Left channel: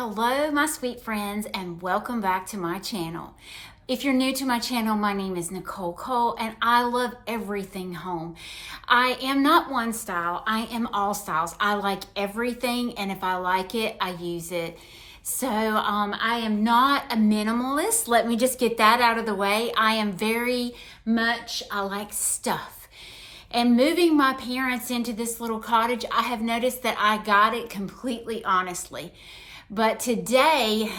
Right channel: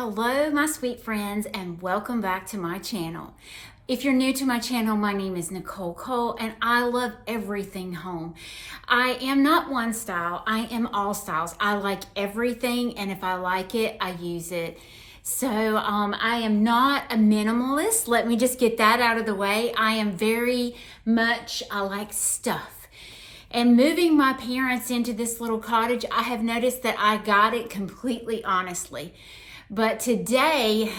Hello, my sweet friends, and welcome back to my channel. If you're new to my channel, my name is Nicole Cole, and I love everything home. I am not one style, I am all styles. I like everything, and if I like it, I use it. So I am not a minimalist. Let me just get that out of the way. I am very much, I like stuff. And moving my parents into this little cottage, I have noticed that I got it completely honestly. But today,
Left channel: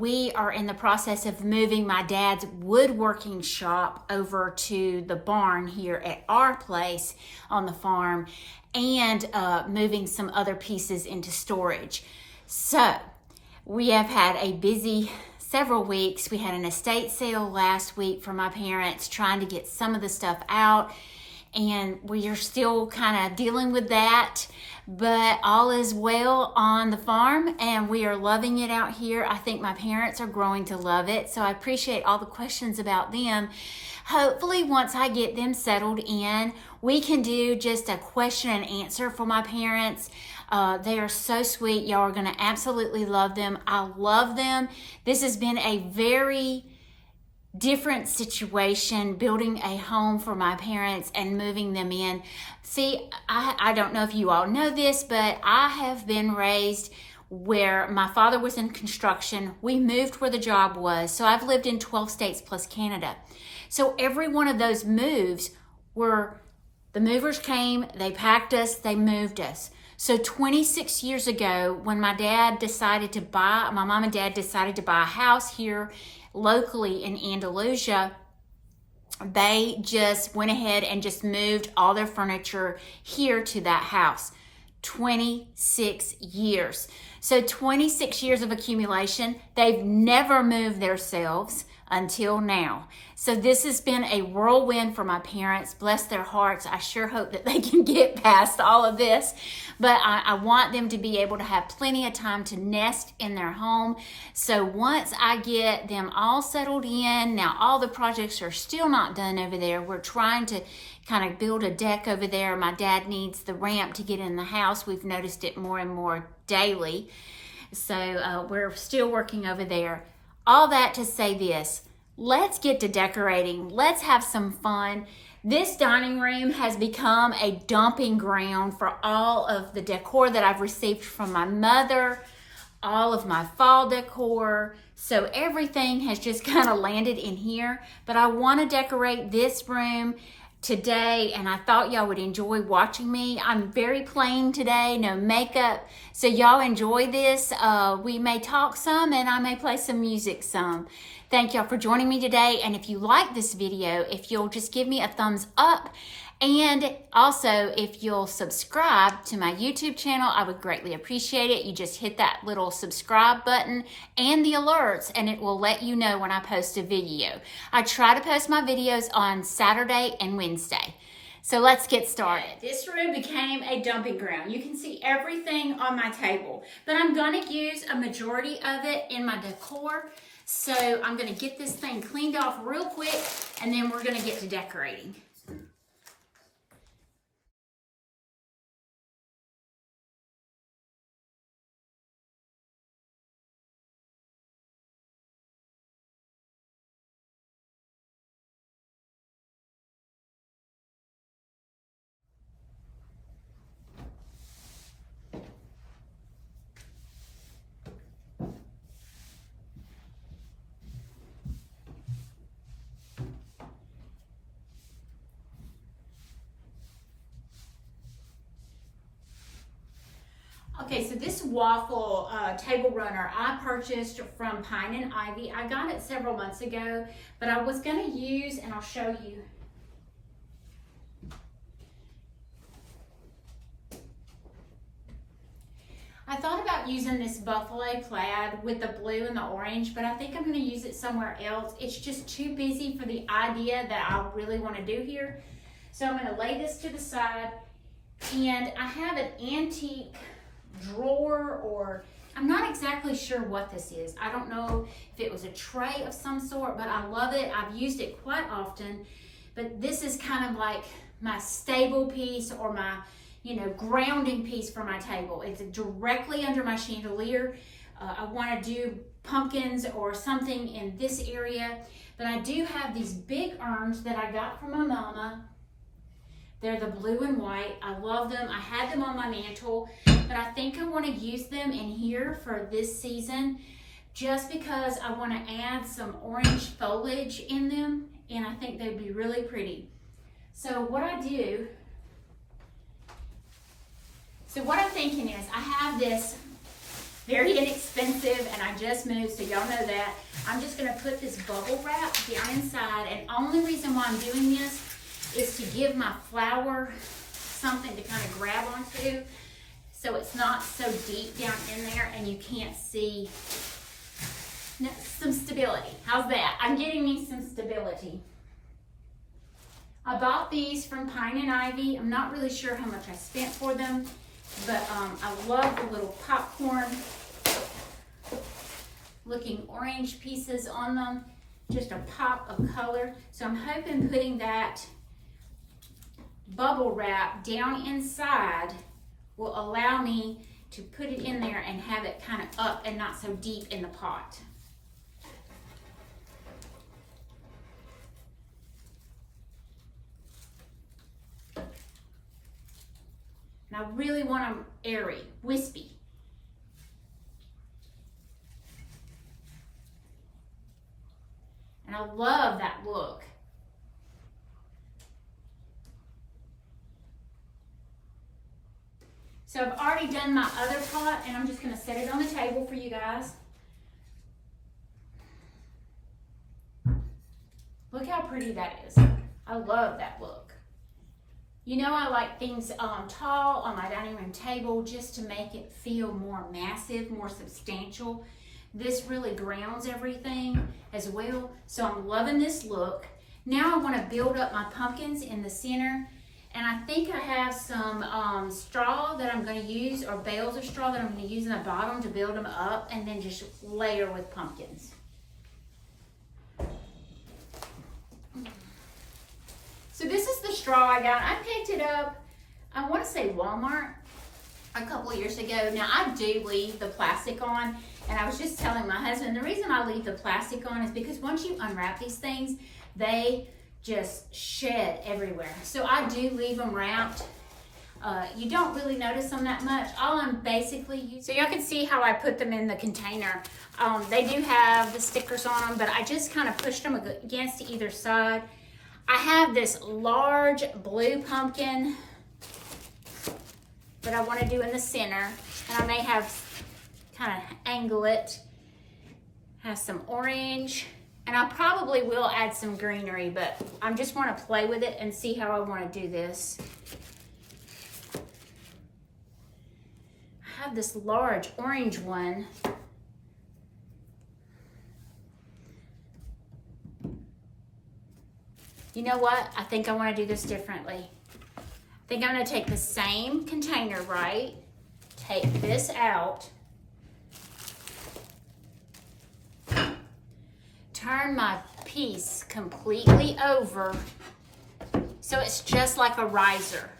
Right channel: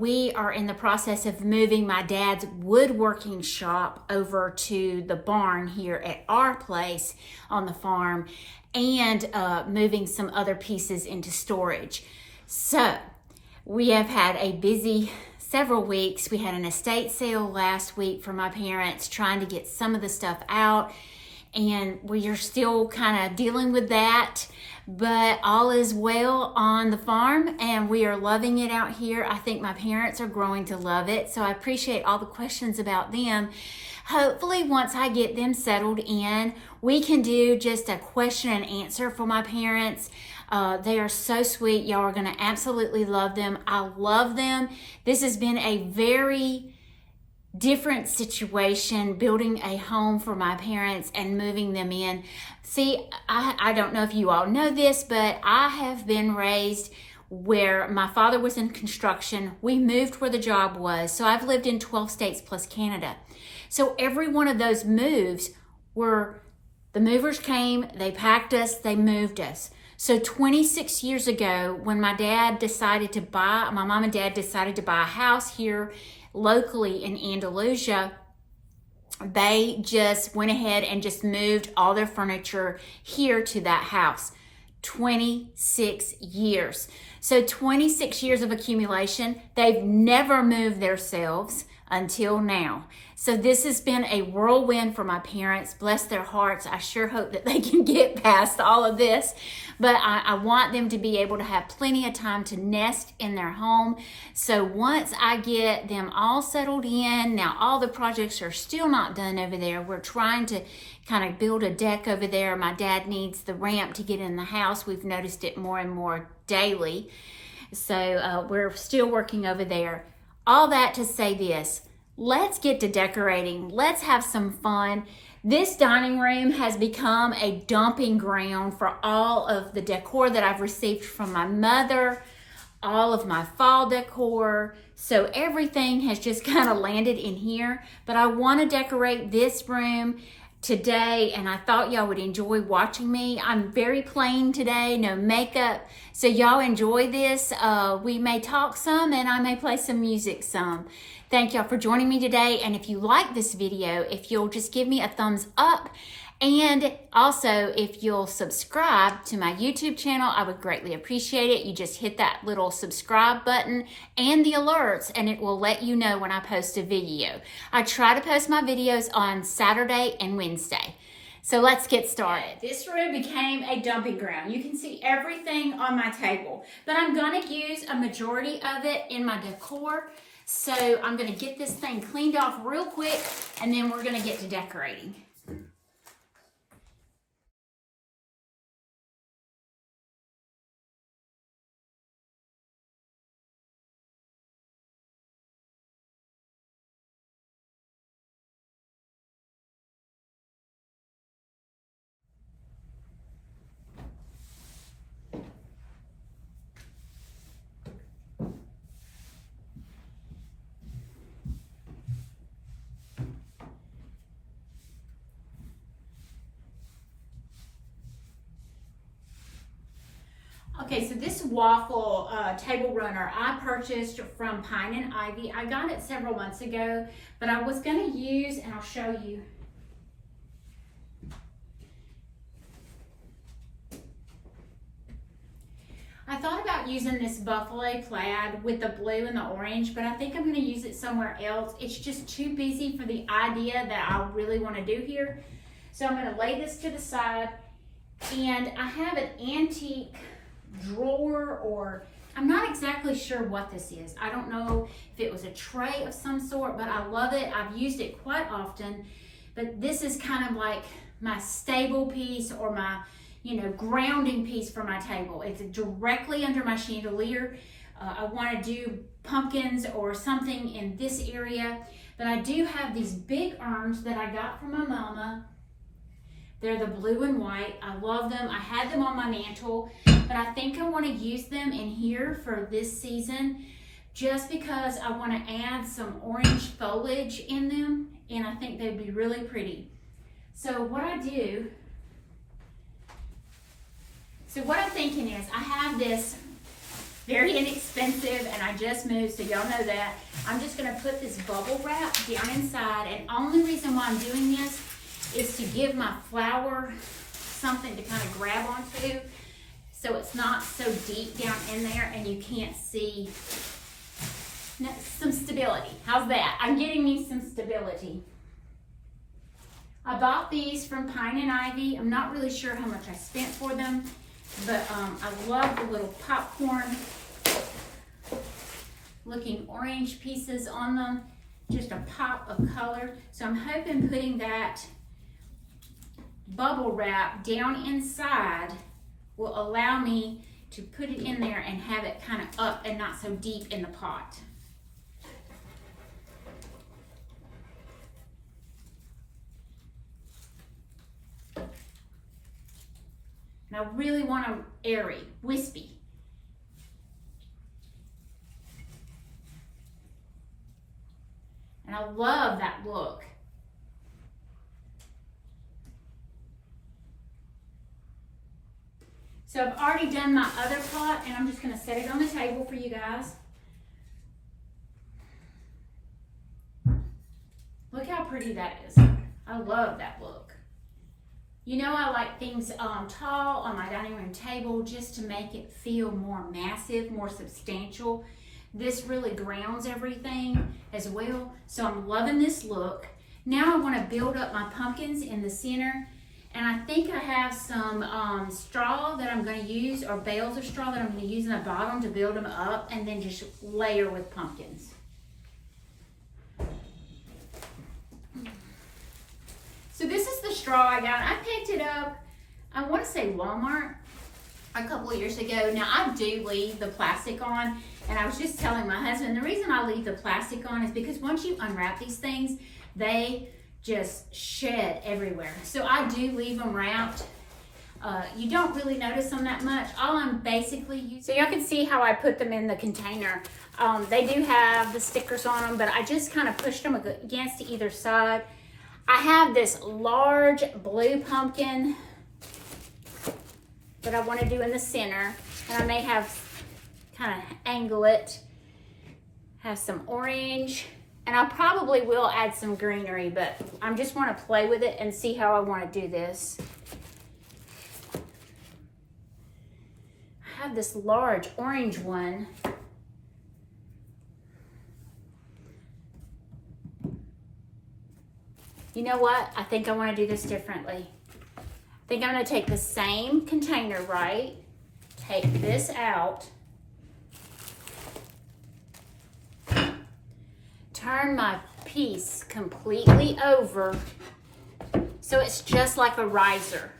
we are in the process of moving my dad's woodworking shop over to the barn here at our place on the farm and moving some other pieces into storage. So we have had a busy several weeks. We had an estate sale last week for my parents, trying to get some of the stuff out. And we are still kind of dealing with that, but all is well on the farm and we are loving it out here. I think my parents are growing to love it, so I appreciate all the questions about them. Hopefully once I get them settled in, we can do just a question and answer for my parents. They are so sweet. Y'all are gonna absolutely love them. I love them. This has been a very different situation, building a home for my parents and moving them in. See, I don't know if you all know this, but I have been raised where my father was in construction. We moved where the job was. So I've lived in 12 states plus Canada. So every one of those moves were, the movers came, they packed us, they moved us. So 26 years ago, when my mom and dad decided to buy a house here locally in Andalusia, they just went ahead and just moved all their furniture here to that house. 26 years. So 26 years of accumulation. They've never moved themselves until now. So this has been a whirlwind for my parents. Bless their hearts. I sure hope that they can get past all of this. But I want them to be able to have plenty of time to nest in their home. So once I get them all settled in, now all the projects are still not done over there. We're trying to kind of build a deck over there. My dad needs the ramp to get in the house. We've noticed it more and more daily. So we're still working over there. All that to say this. Let's get to decorating. Let's have some fun. This dining room has become a dumping ground for all of the decor that I've received from my mother, all of my fall decor. So everything has just kind of landed in here. But I want to decorate this room today, and I thought y'all would enjoy watching me. I'm very plain today, no makeup. So y'all enjoy this. We may talk some and I may play some music some. Thank y'all for joining me today. And if you like this video, if you'll just give me a thumbs up, and also if you'll subscribe to my YouTube channel, I would greatly appreciate it. You just hit that little subscribe button and the alerts, and it will let you know when I post a video. I try to post my videos on Saturday and Wednesday. So let's get started. This room became a dumping ground. You can see everything on my table, but I'm gonna use a majority of it in my decor. So I'm gonna get this thing cleaned off real quick, and then we're gonna get to decorating. Okay, so this waffle table runner I purchased from Pine and Ivy. I got it several months ago, but I was gonna use, and I'll show you. I thought about using this buffalo plaid with the blue and the orange, but I think I'm gonna use it somewhere else. It's just too busy for the idea that I really wanna do here. So I'm gonna lay this to the side, and I have an antique drawer, or I'm not exactly sure what this is. I don't know if it was a tray of some sort, but I love it. I've used it quite often, but this is kind of like my stable piece, or my grounding piece for my table. It's directly under my chandelier. I want to do pumpkins or something in this area. But I do have these big urns that I got from my mama. They're the blue and white. I love them. I had them on my mantle, but I think I want to use them in here for this season just because I want to add some orange foliage in them, and I think they'd be really pretty. So what I'm thinking is I have this very inexpensive, and I just moved, so y'all know that. I'm just gonna put this bubble wrap down inside, and only reason why I'm doing this is to give my flower something to kind of grab onto so it's not so deep down in there and you can't see. Some stability. How's that? I'm getting me some stability. I bought these from Pine and Ivy. I'm not really sure how much I spent for them, but I love the little popcorn looking orange pieces on them. Just a pop of color. So I'm hoping putting that bubble wrap down inside will allow me to put it in there and have it kind of up and not so deep in the pot. And I really want them airy, wispy. And I love that look. So I've already done my other pot, and I'm just going to set it on the table for you guys. Look how pretty that is. I love that look. You know, I like things tall on my dining room table just to make it feel more massive, more substantial. This really grounds everything as well. So I'm loving this look. Now I want to build up my pumpkins in the center. And I think I have some straw that I'm going to use, or bales of straw that I'm going to use in the bottom to build them up, and then just layer with pumpkins. So this is the straw I got. I picked it up, I want to say Walmart, a couple of years ago. Now I do leave the plastic on, and I was just telling my husband, the reason I leave the plastic on is because once you unwrap these things, they just shed everywhere. So I do leave them wrapped. You don't really notice them that much. All I'm basically using, so y'all can see how I put them in the container. They do have the stickers on them, but I just kind of pushed them against either side. I have this large blue pumpkin that I want to do in the center, and I may have kind of angle it, have some orange, and I probably will add some greenery, but I just want to play with it and see how I want to do this. I have this large orange one. You know what? I think I want to do this differently. I think I'm going to take the same container, right? Take this out. Turn my piece completely over so it's just like a riser.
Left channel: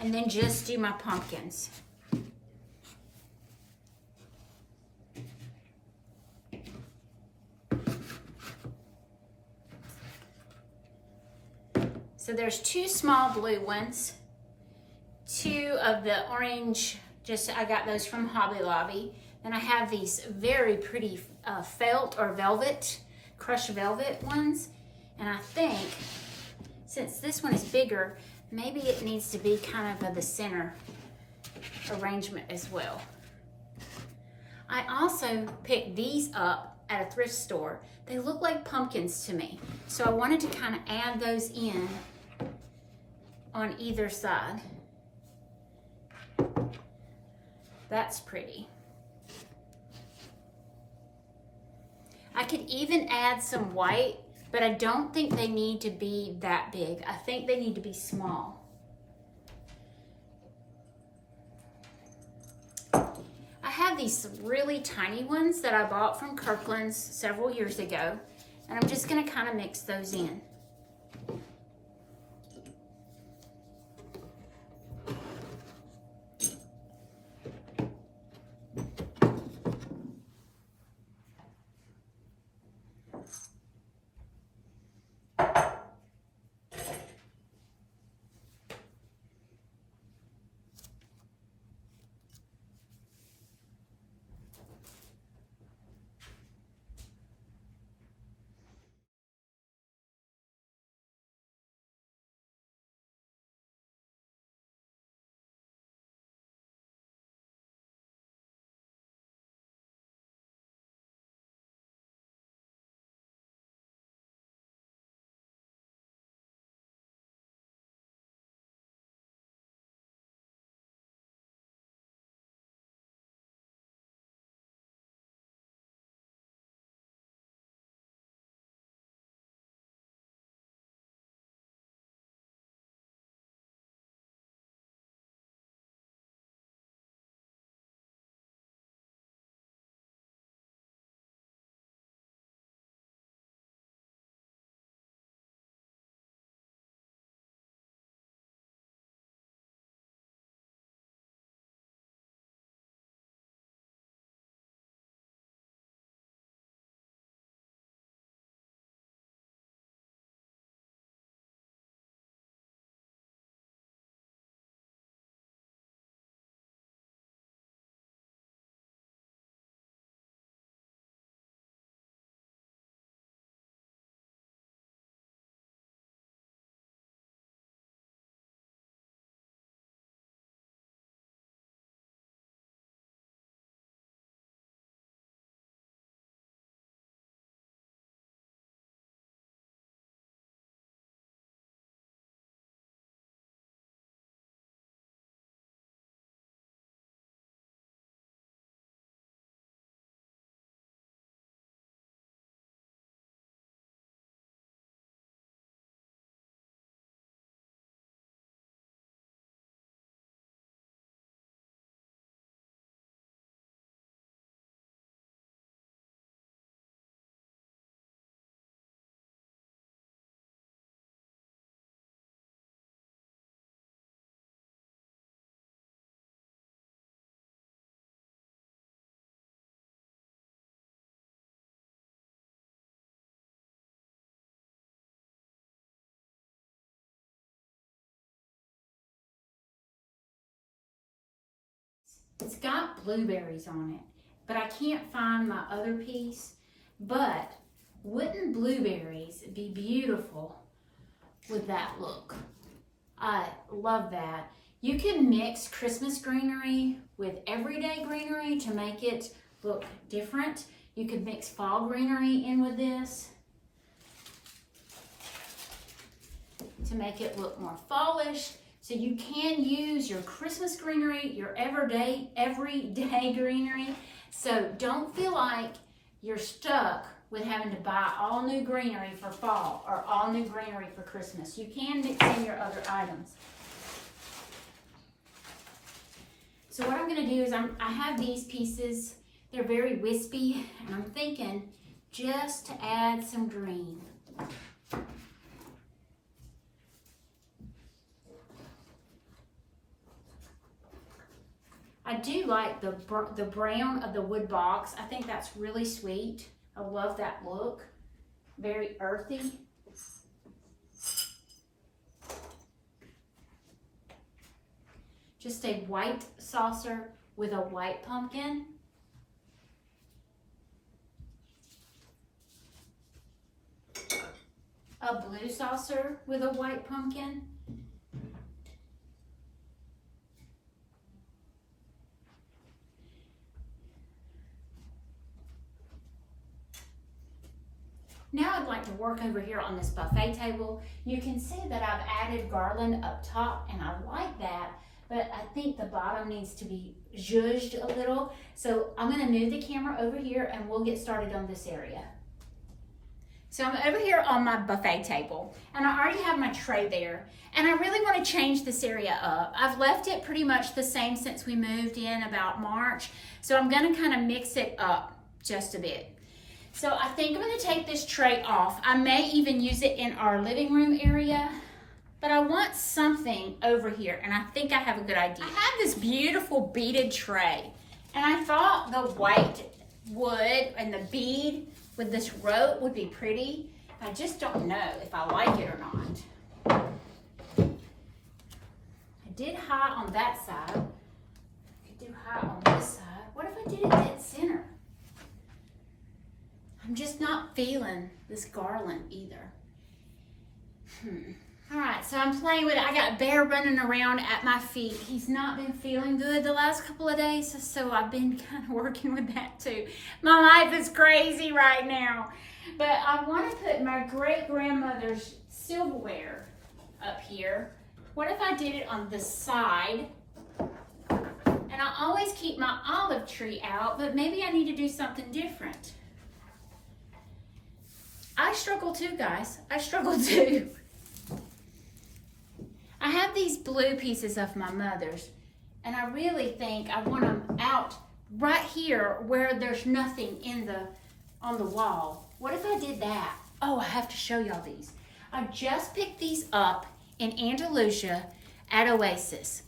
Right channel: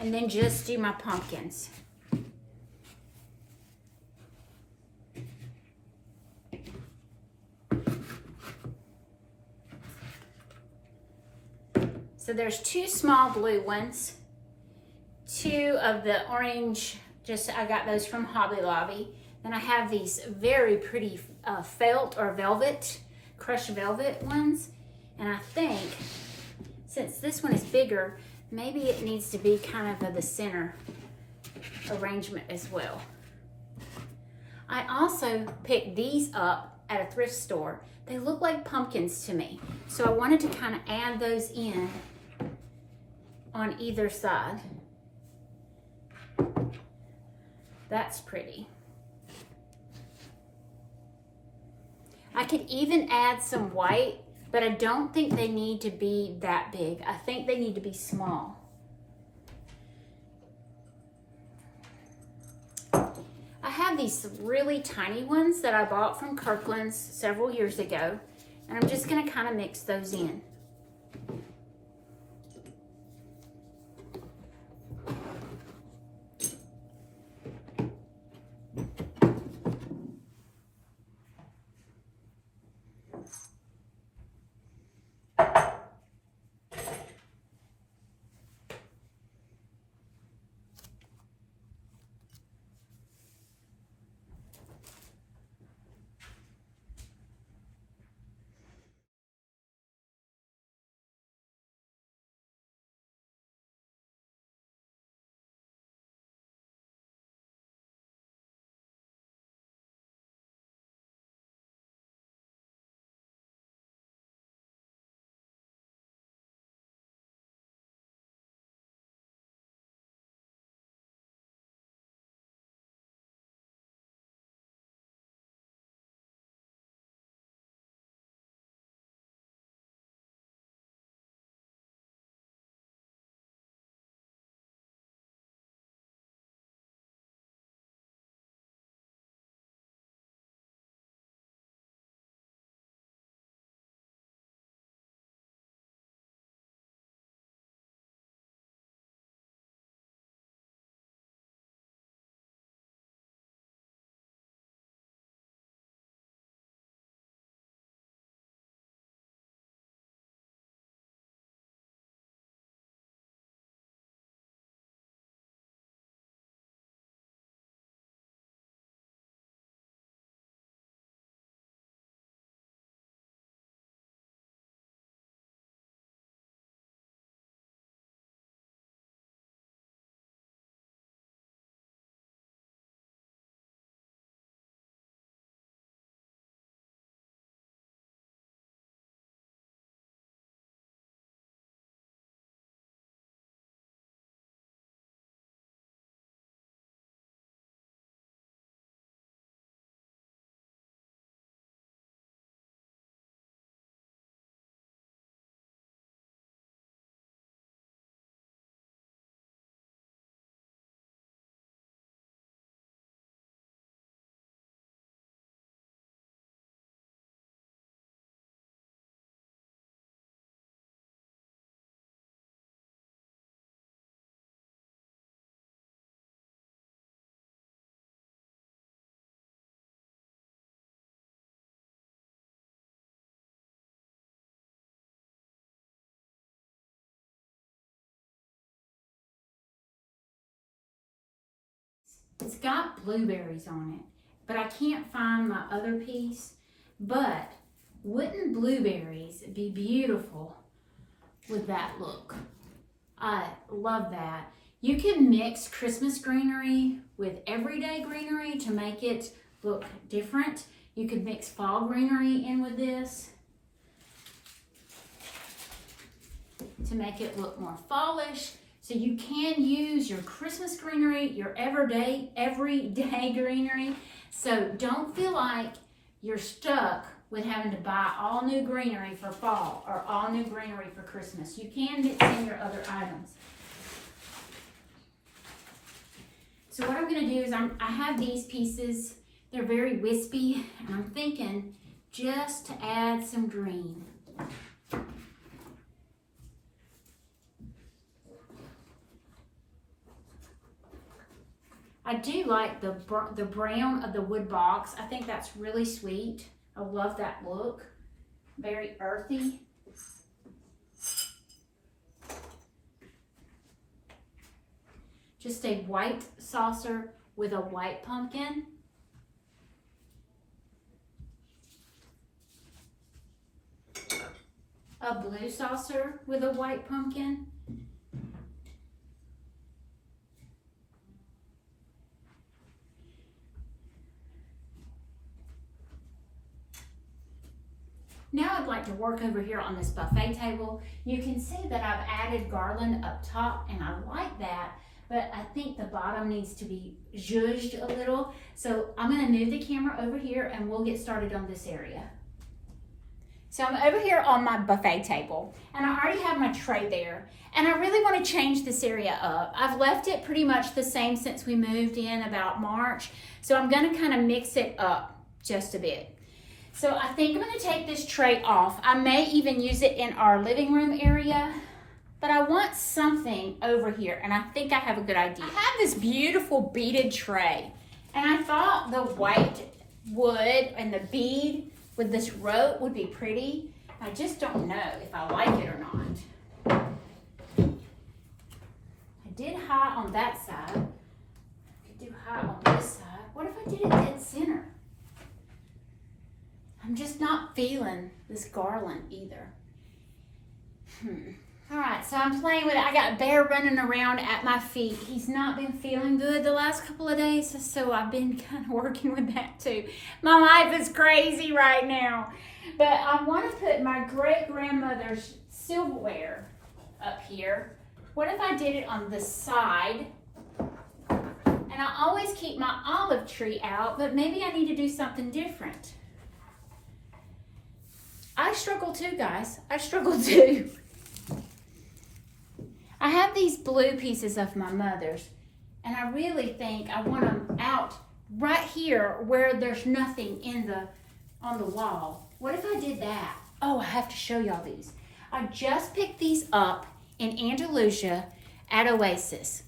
And then just do my pumpkins. So there's two small blue ones, two of the orange, I got those from Hobby Lobby. Then I have these very pretty felt or velvet, crushed velvet ones. And I think, since this one is bigger, maybe it needs to be kind of the center arrangement as well. I also picked these up at a thrift store. They look like pumpkins to me. So I wanted to kind of add those in on either side. That's pretty. I could even add some white, but I don't think they need to be that big. I think they need to be small. I have these really tiny ones that I bought from Kirkland's several years ago, and I'm just gonna kind of mix those in. It's got blueberries on it, but I can't find my other piece. But wouldn't blueberries be beautiful with that look? I love that. You can mix Christmas greenery with everyday greenery to make it look different. You could mix fall greenery in with this to make it look more fallish. So you can use your Christmas greenery, your everyday greenery. So don't feel like you're stuck with having to buy all new greenery for fall or all new greenery for Christmas. You can mix in your other items. So what I'm going to do is I have these pieces. They're very wispy, and I'm thinking just to add some green. I do like the brown of the wood box. I think that's really sweet. I love that look. Very earthy. Just a white saucer with a white pumpkin. A blue saucer with a white pumpkin. Now I'd like to work over here on this buffet table. You can see that I've added garland up top, and I like that, but I think the bottom needs to be zhuzhed a little. So I'm gonna move the camera over here and we'll get started on this area. So I'm over here on my buffet table, and I already have my tray there, and I really want to change this area up. I've left it pretty much the same since we moved in about March, so I'm gonna kind of mix it up just a bit. So I think I'm gonna take this tray off. I may even use it in our living room area, but I want something over here, and I think I have a good idea. I have this beautiful beaded tray, and I thought the white wood and the bead with this rope would be pretty. I just don't know if I like it or not. I did high on that side. I could do high on this side. What if I did it dead center? I'm just not feeling this garland either. All right, so I'm playing with it. I got Bear running around at my feet. He's not been feeling good the last couple of days, so I've been kind of working with that too. My life is crazy right now. But I want to put my great-grandmother's silverware up here. What if I did it on the side? And I always keep my olive tree out, but maybe I need to do something different. I struggle too, guys. I struggle too. I have these blue pieces of my mother's, and I really think I want them out right here where there's nothing on the wall. What if I did that? Oh, I have to show y'all these. I just picked these up in Andalusia at Oasis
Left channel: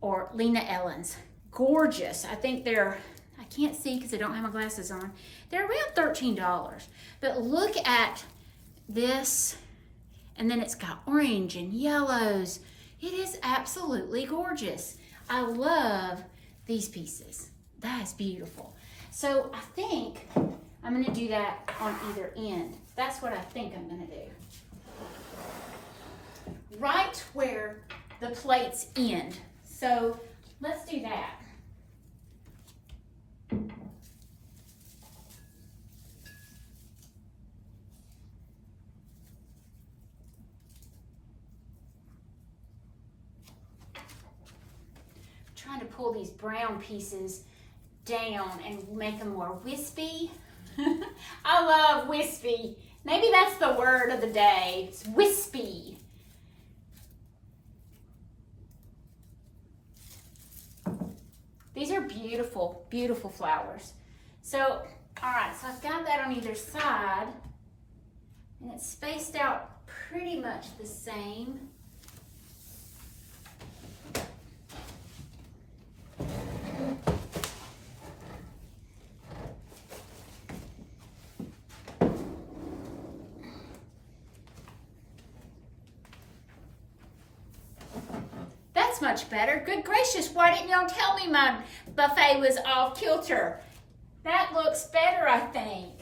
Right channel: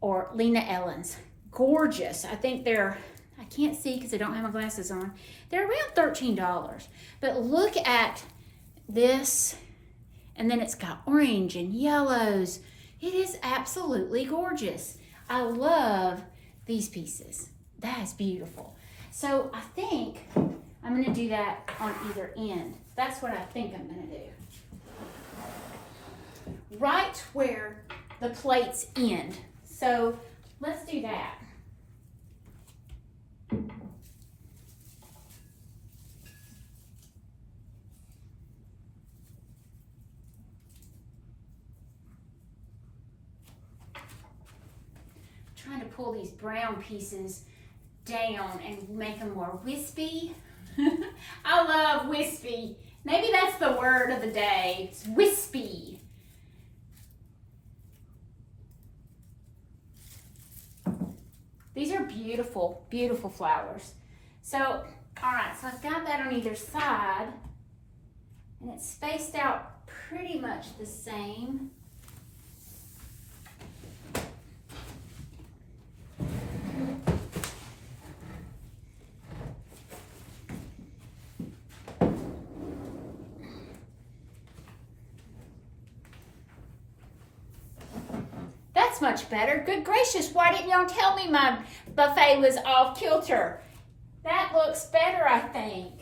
or Lena Ellen's. Gorgeous. I think they're, I can't see because I don't have my glasses on. They're around $13. But look at this. And then it's got orange and yellows. It is absolutely gorgeous. I love these pieces. That is beautiful. So I think I'm gonna do that on either end. That's what I think I'm gonna do. Right where the plates end. So let's do that. Trying to pull these brown pieces down and make them more wispy. I love wispy. Maybe that's the word of the day. It's wispy. These are beautiful, beautiful flowers. So, all right, so I've got that on either side, and it's spaced out pretty much the same. Much better. Good gracious, why didn't y'all tell me my buffet was off kilter. That looks better, I think.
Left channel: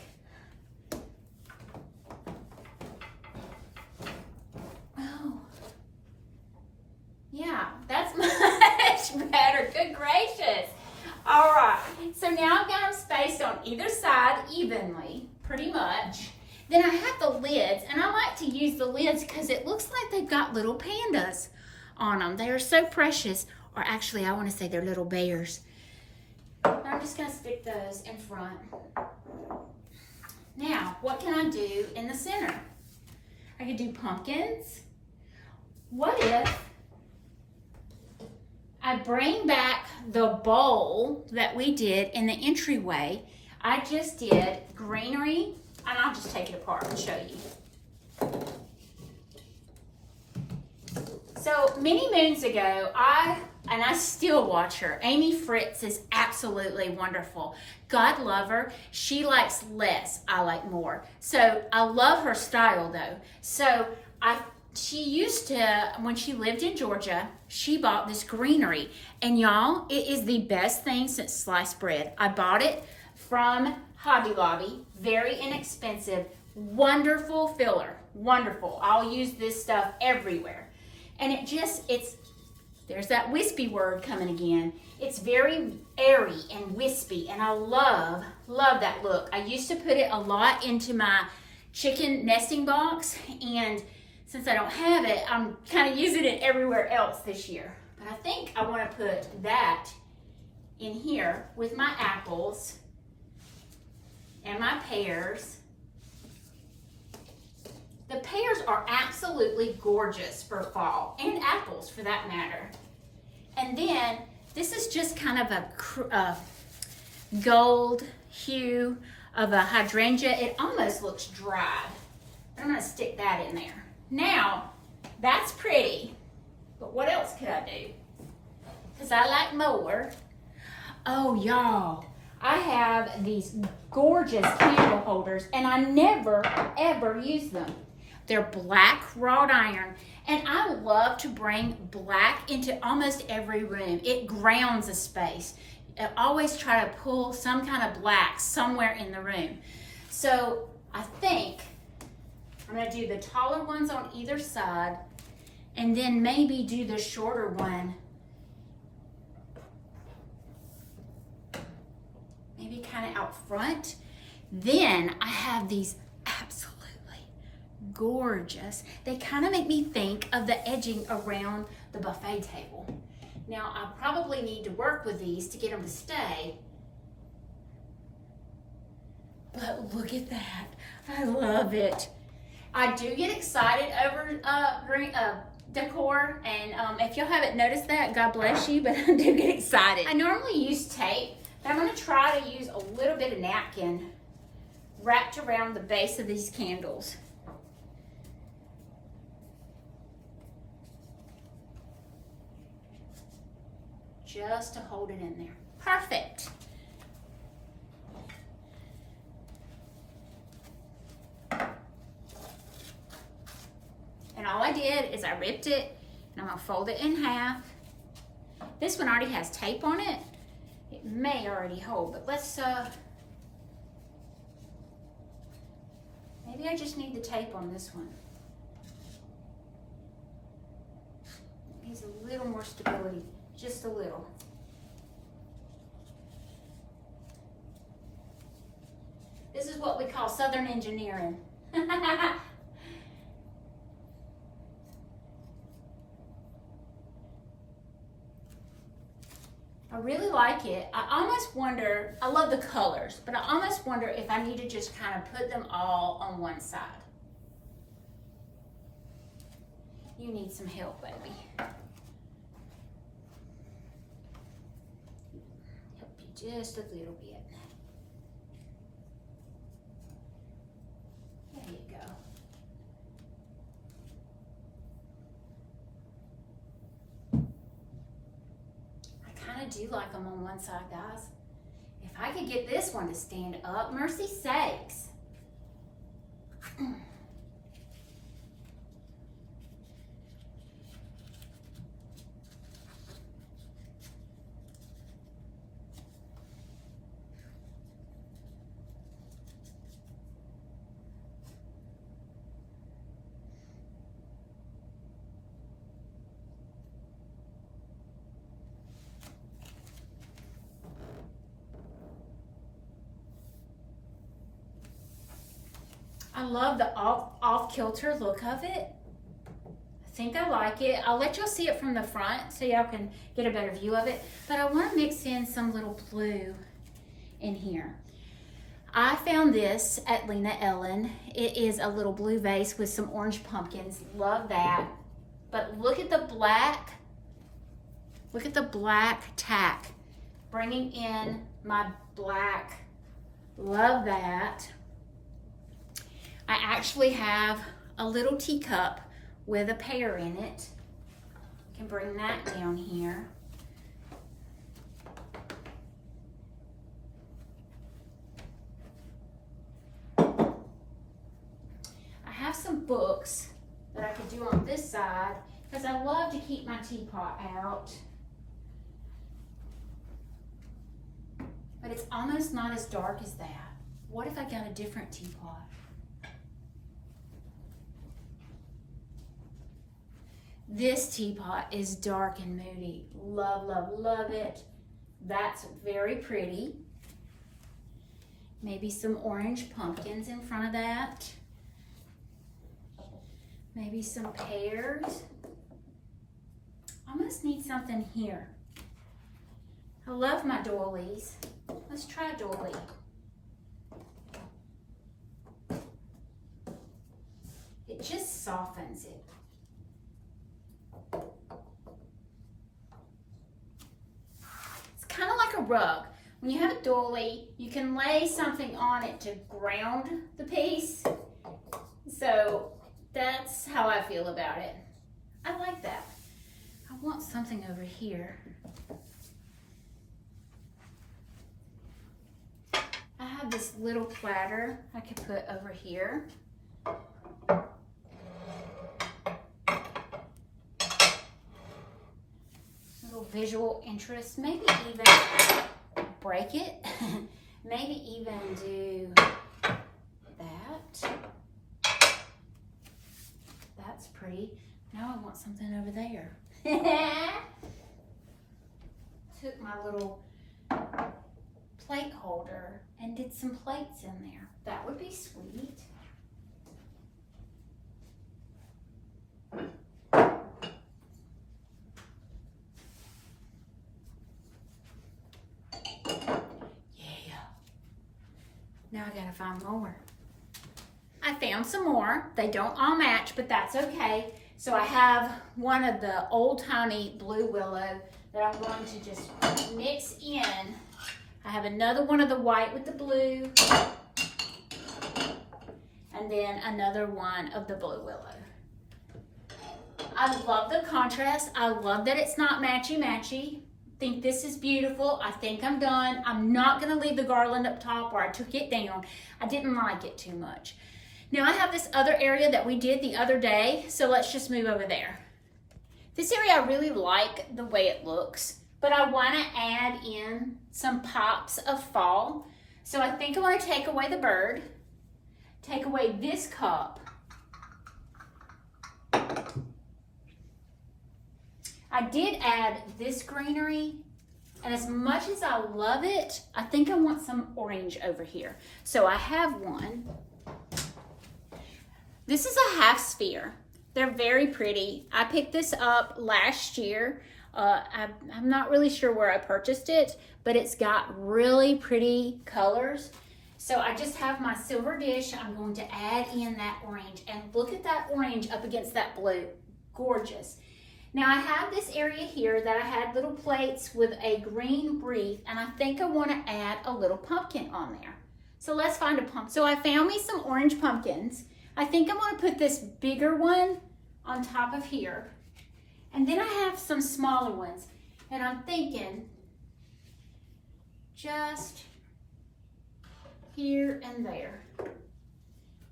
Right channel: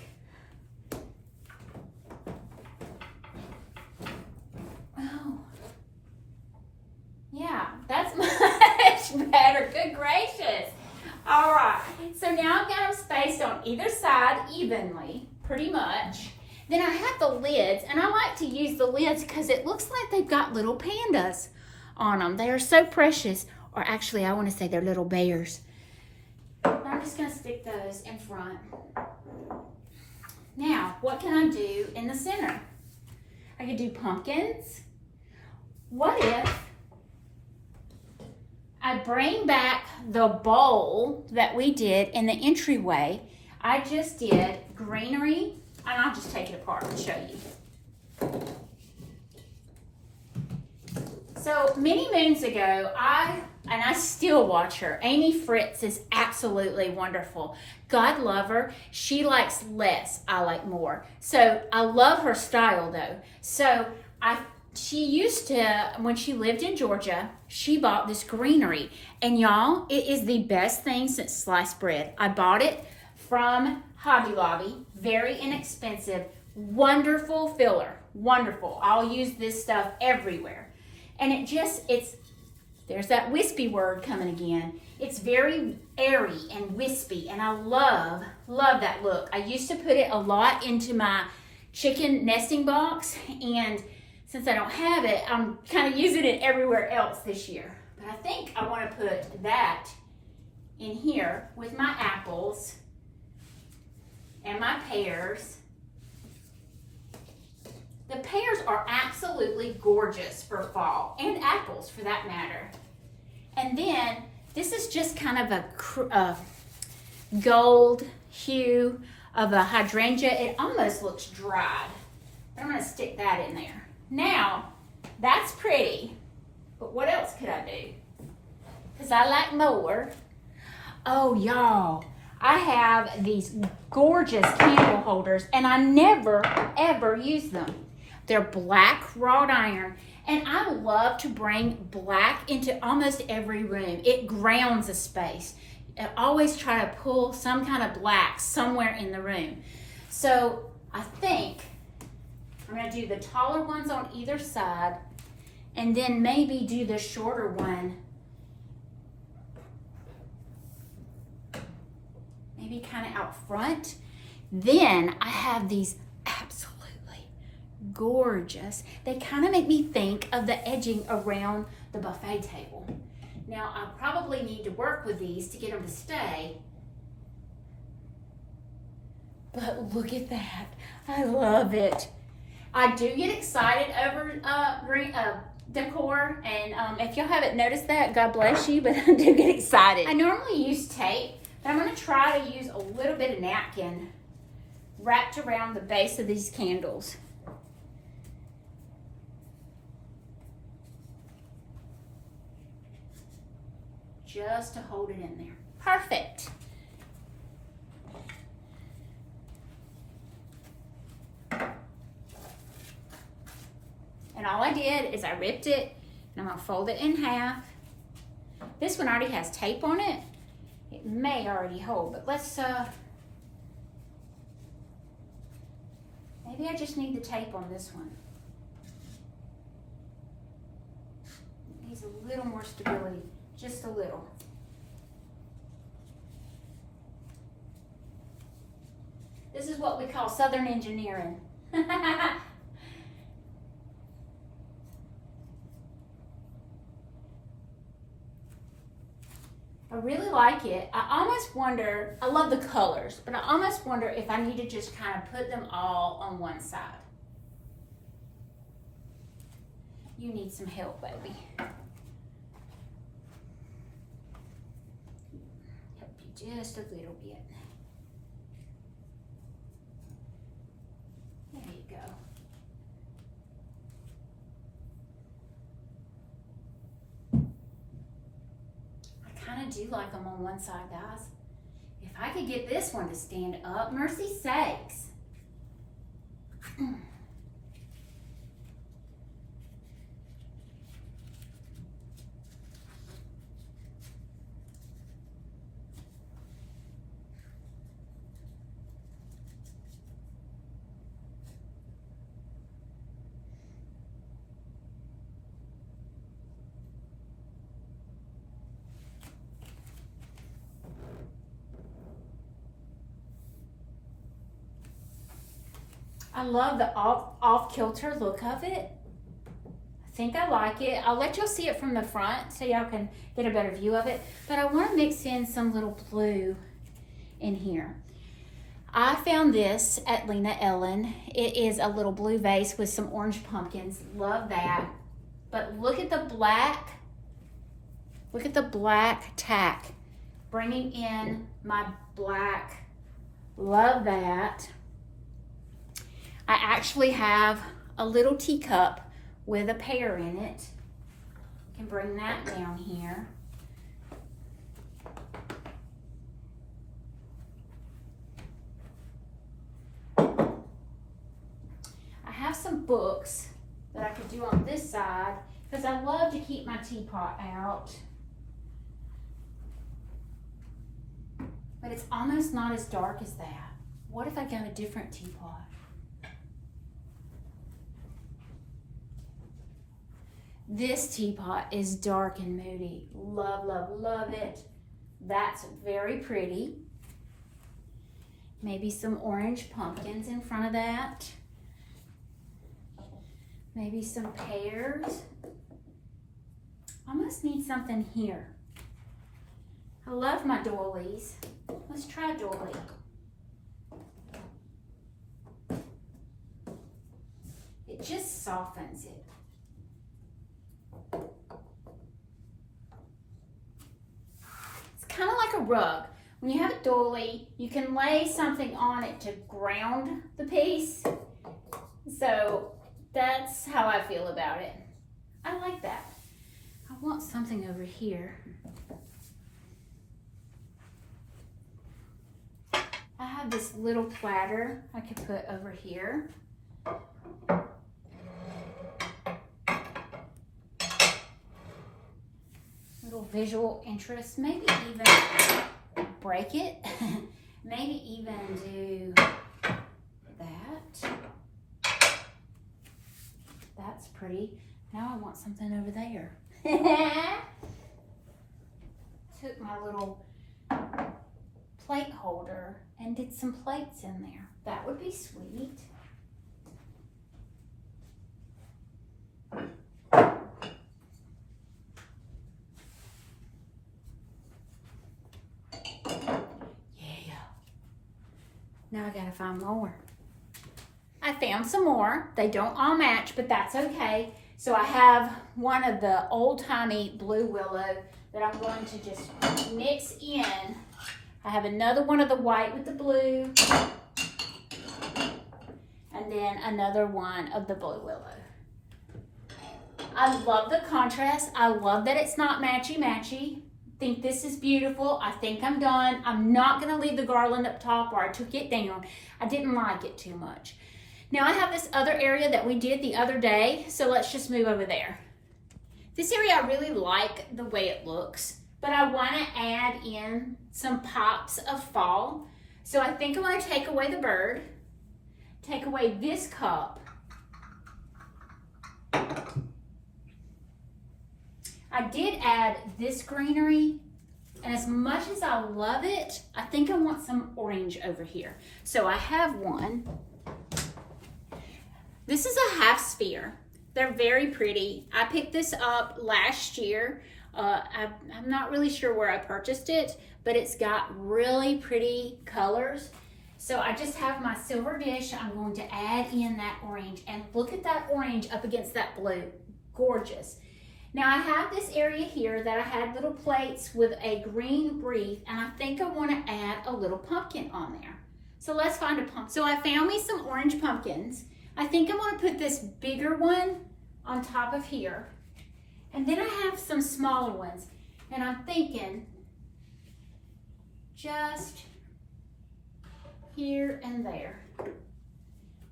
Oh. Yeah, that's much better. Good gracious. All right, so now I've got them spaced on either side evenly, pretty much. Then I have the lids, and I like to use the lids because it looks like they've got little pandas on them. They are so precious, or actually I want to say they're little bears. I'm just going to stick those in front. Now, what can I do in the center? I could do pumpkins. What if I bring back the bowl that we did in the entryway? I just did greenery, and I'll just take it apart and show you. So many moons ago, I still watch her. Amy Fritz is absolutely wonderful. God love her. She likes less, I like more. So I love her style though. So she used to, when she lived in Georgia, she bought this greenery. And y'all, it is the best thing since sliced bread. I bought it from Hobby Lobby, very inexpensive, wonderful filler, wonderful. I'll use this stuff everywhere. And there's that wispy word coming again. It's very airy and wispy, and I love that look. I used to put it a lot into my chicken nesting box, and since I don't have it, I'm kind of using it everywhere else this year. But I think I want to put that in here with my apples and my pears. The pears are absolutely gorgeous for fall, and apples for that matter. And then this is just kind of a gold hue of a hydrangea. It almost looks dried, but I'm going to stick that in there. Now, that's pretty, but what else could I do? Because I like more. Oh, y'all, I have these gorgeous candle holders, and I never, ever use them. They're black wrought iron, and I love to bring black into almost every room. It grounds a space. I always try to pull some kind of black somewhere in the room. So I think I'm going to do the taller ones on either side, and then maybe do the shorter one maybe kind of out front. Then I have these absolutely gorgeous. They kind of make me think of the edging around the buffet table. Now I probably need to work with these to get them to stay. But look at that. I love it. I do get excited over decor, and if y'all haven't noticed that, God bless you, but I do get excited. I normally use tape, but I'm going to try to use a little bit of napkin wrapped around the base of these candles. Just to hold it in there. Perfect. And all I did is I ripped it, and I'm gonna fold it in half. This one already has tape on it. It may already hold, but let's, maybe I just need the tape on this one. It needs a little more stability, just a little. This is what we call Southern engineering. I really like it. I almost wonder, I love the colors, but I almost wonder if I need to just kind of put them all on one side. You need some help, baby. Help you just a little bit. There you go. I do like them on one side, guys. If I could get this one to stand up, mercy sakes. I love the off-kilter look of it. I think I like it. I'll let y'all see it from the front so y'all can get a better view of it. But I want to mix in some little blue in here. I found this at Lena Ellen. It is a little blue vase with some orange pumpkins. Love that. But look at the black. Look at the black tack. Bringing in my black. Love that. I actually have a little teacup with a pear in it. Can bring that down here. I have some books that I could do on this side because I love to keep my teapot out. But it's almost not as dark as that. What if I got a different teapot? This teapot is dark and moody. Love, love, love it. That's very pretty. Maybe some orange pumpkins in front of that. Maybe some pears. Almost need something here. I love my doilies. Let's try a doily. It just softens it. Kind of like a rug. When you have a doily, you can lay something on it to ground the piece. So that's how I feel about it. I like that. I want something over here. I have this little platter I could put over here. Little visual interest, maybe even break it. Maybe even do that. That's pretty. Now I want something over there. Took my little plate holder and did some plates in there. That would be sweet. Now I gotta find more. I found some more. They don't all match, but that's okay. So I have one of the old-timey blue willow that I'm going to just mix in. I have another one of the white with the blue. And then another one of the blue willow. I love the contrast. I love that it's not matchy-matchy. Think this is beautiful. I think I'm done. I'm not gonna leave the garland up top where I took it down. I didn't like it too much. Now I have this other area that we did the other day, so let's just move over there. This area I really like the way it looks, but I wanna add in some pops of fall. So I think I wanna take away the bird, take away this cup. I did add this greenery, and as much as I love it, I think I want some orange over here. So I have one. This is a half sphere. They're very pretty. I picked this up last year. I'm not really sure where I purchased it, but it's got really pretty colors. So I just have my silver dish. I'm going to add in that orange, and look at that orange up against that blue. Gorgeous. Now I have this area here that I had little plates with a green wreath, and I think I want to add a little pumpkin on there. So let's find a pumpkin. So I found me some orange pumpkins. I think I'm going to put this bigger one on top of here. And then I have some smaller ones, and I'm thinking just here and there.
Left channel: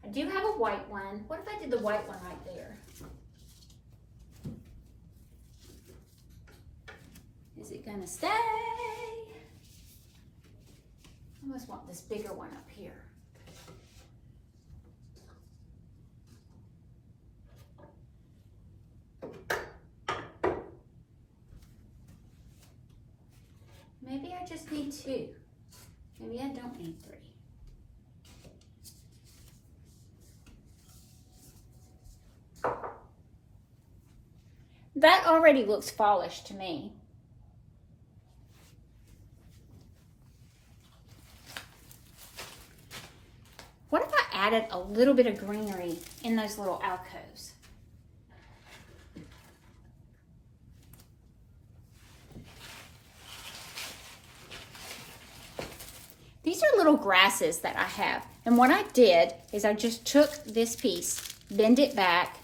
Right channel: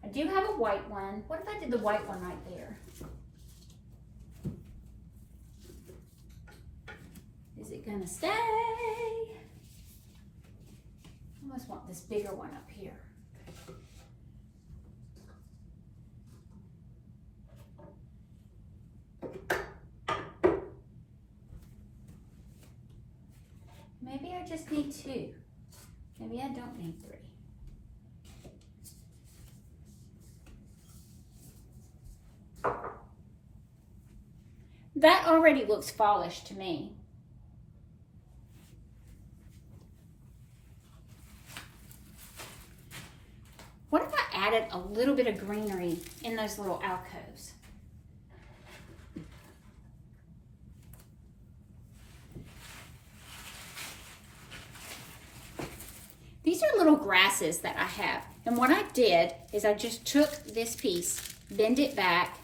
I do have a white one. What if I did the white one right there? Is it gonna stay? I almost want this bigger one up here. Maybe I just need 2. Maybe I don't need 3. That already looks fallish to me. What if I added a little bit of greenery in those little alcoves? These are little grasses that I have. And what I did is I just took this piece, bend it back,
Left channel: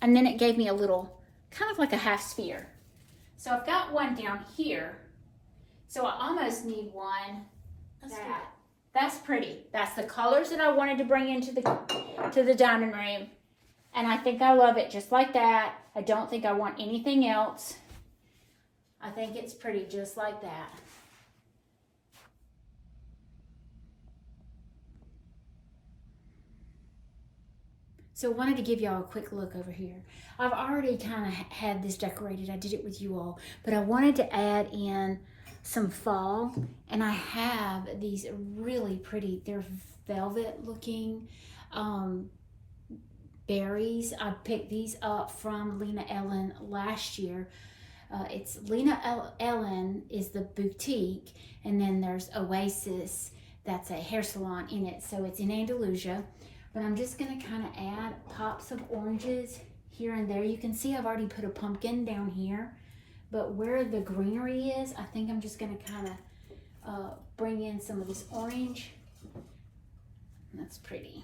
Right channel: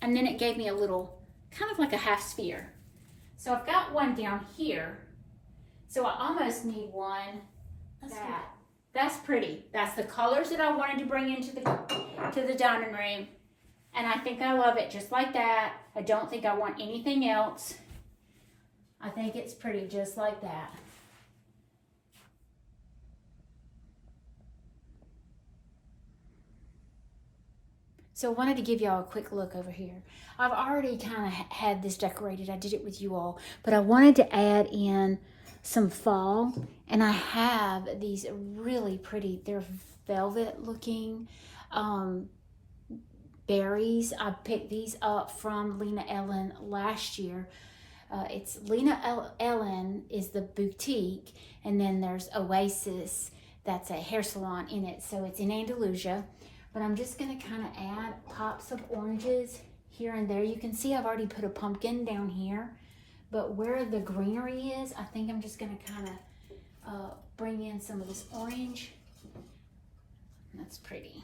and then it gave me a little, kind of like a half sphere. So I've got one down here. So I almost need one that. That's pretty. That's the colors that I wanted to bring into the dining room. And I think I love it just like that. I don't think I want anything else. I think it's pretty just like that. So I wanted to give y'all a quick look over here. I've already kind of had this decorated. I did it with you all, but I wanted to add in some fall, and I have these really pretty, they're velvet looking berries. I picked these up from Lena Ellen last year. It's Lena Ellen is the boutique, and then there's Oasis, that's a hair salon in it, so it's in Andalusia. But I'm just gonna kind of add pops of oranges here and there. You can see I've already put a pumpkin down here, but where the greenery is, I think I'm just gonna kind of bring in some of this orange. That's pretty.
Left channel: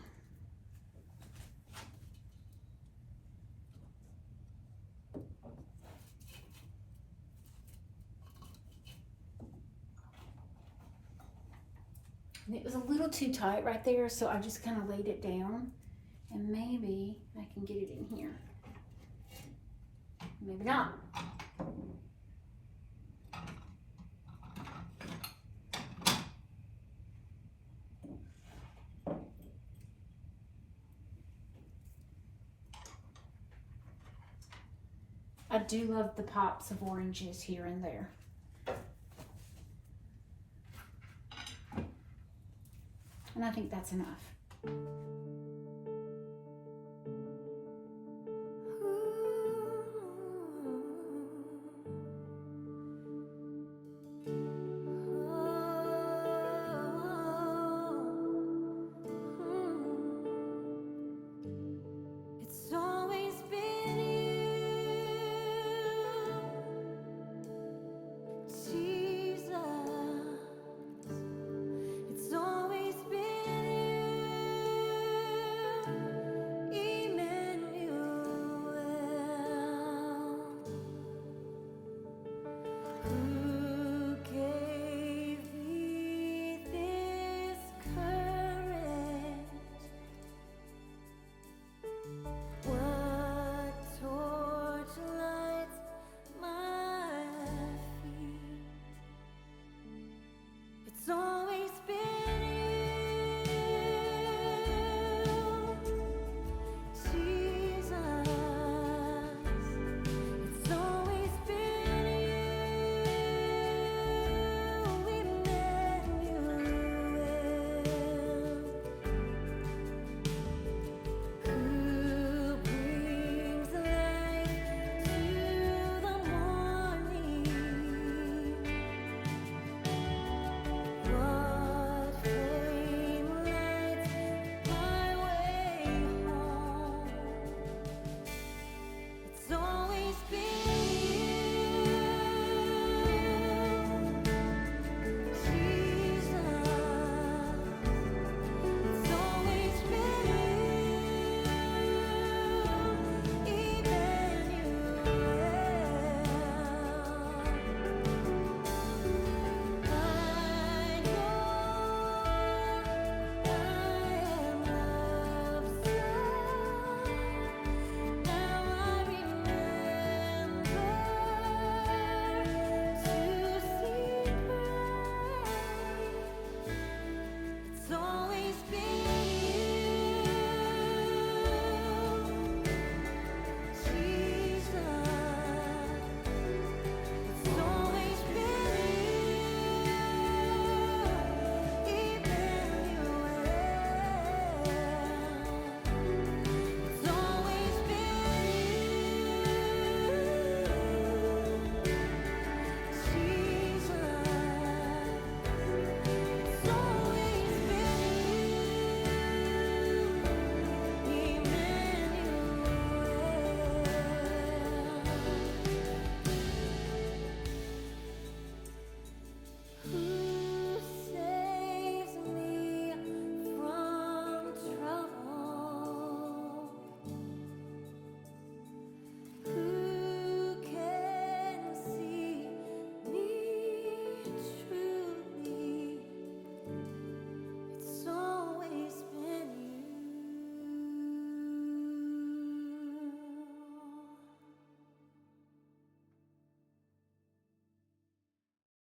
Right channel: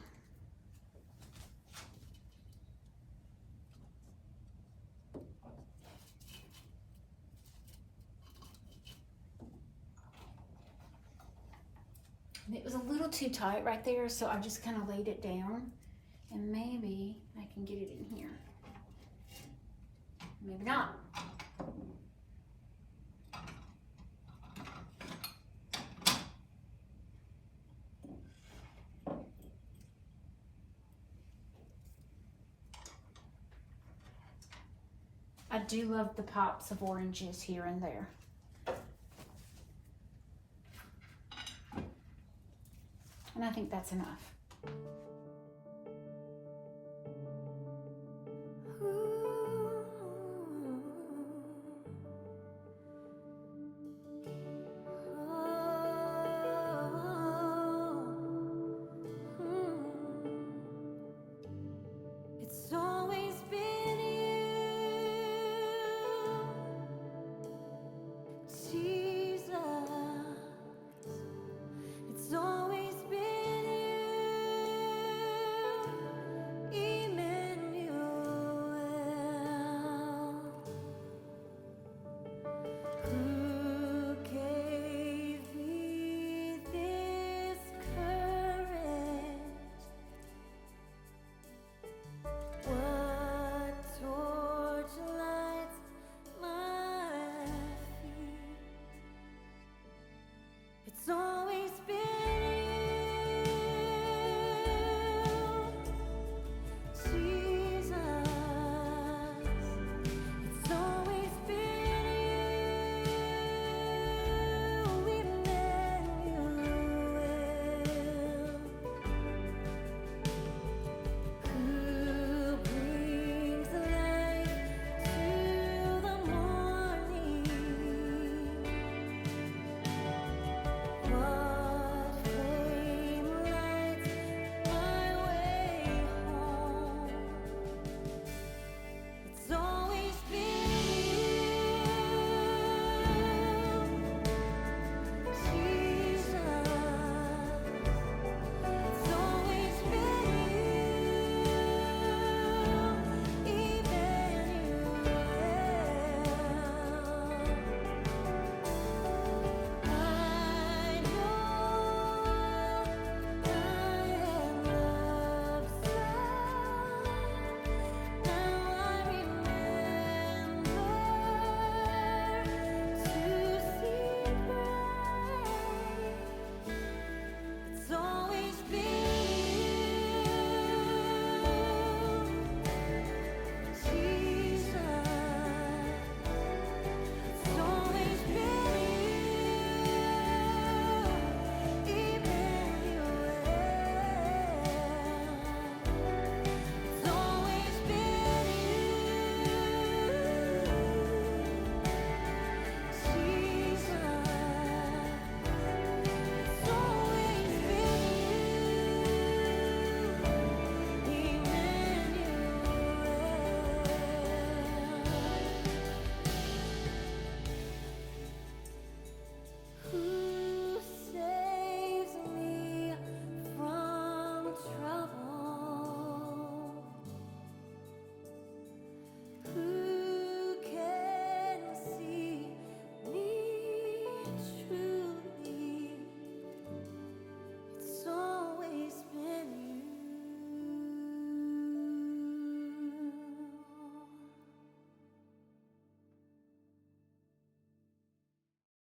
It was a little too tight right there, so I just kind of laid it down, and maybe I can get it in here. Maybe not. I do love the pops of oranges here and there. And I think that's enough.